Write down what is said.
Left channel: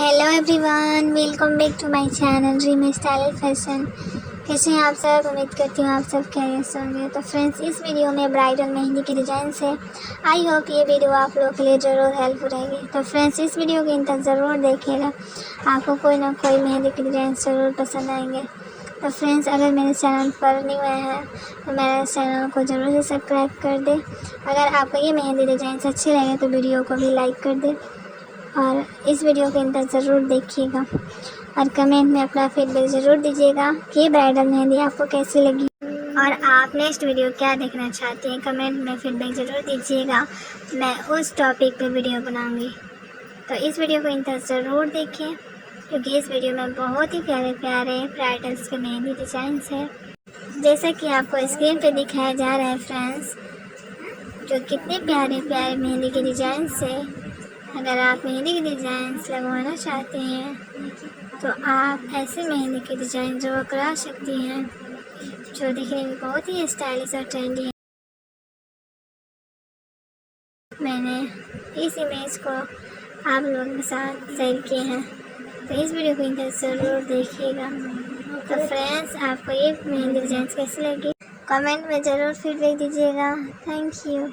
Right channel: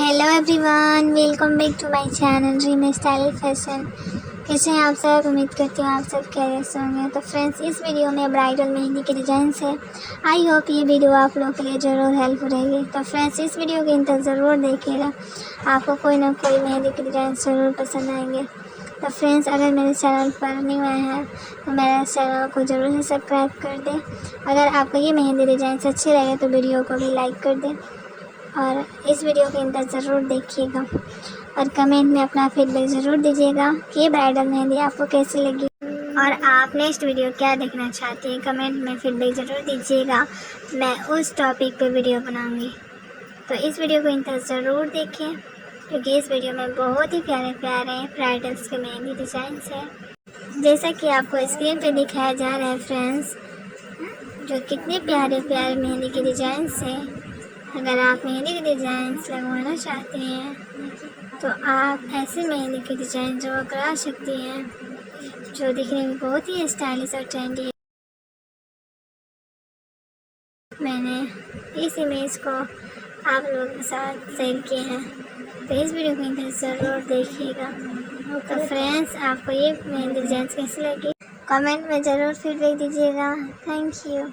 Hello everyone, welcome back to my channel dream style fashion. कैसे हैं आप सब? उम्मीद करती हूँ आप सब खैरियत से होंगे। तो फ्रेंड्स, इस वीडियो में ब्राइडल मेहंदी के डिज़ाइन है। आई होप ये वीडियो आप लोगों के लिए ज़रूर हेल्प रहेगी। तो फ्रेंड्स, इस वीडियो के अंत ज़रूर देखिएगा, आपको कोई ना कोई मेहंदी के डिज़ाइन ज़रूर पसंद आएंगे। तो फ्रेंड्स, अगर मेरे चैनल पर न्यू आए हैं तो मेरे चैनल को ज़रूर से सब्सक्राइब कर दें। अगर आपको ये मेहंदी डिज़ाइन अच्छे लगे तो वीडियो को भी लाइक कर दें और इस वीडियो के अंदर ज़रूर देखिएगा और कमेंट में अपना फीडबैक ज़रूर दीजिएगा कि ब्राइडल मेहंदी आपको कैसी लगी और आप नेक्स्ट वीडियो क्या देखना चाहते हैं। कमेंट में फीडबैक ज़रूर दीजिएगा, मैं उस टॉपिक पे वीडियो बनाऊंगी। तो इस वीडियो को अंदर ज़रूर देखें क्योंकि इस वीडियो में बहुत ही प्यारे प्यारे ब्राइडल्स के मेहंदी डिज़ाइंस है, जैसा कि आपको स्क्रीन पे दिखाया जा रहा है फ्रेंड्स, जो कितने प्यारे प्यारे मेहंदी के डिज़ाइंस है। अगर आप मेहंदी के डिज़ाइंस लगवाना चाहते हैं तो आप ऐसे मेहंदी के डिज़ाइन जो करा सकती हैं जो दिखने में बहुत ही स्टाइलिश और ट्रेंडी है। मैंने इस इमेज को आप लोगों के साथ शेयर किया है, तो इस वीडियो को इधर ज़रूर देखिएगा। तो फ्रेंड्स, आपको ये मेहंदी डिज़ाइन कैसी लगी कमेंट में ज़रूर फीडबैक दीजिएगा। Thank you.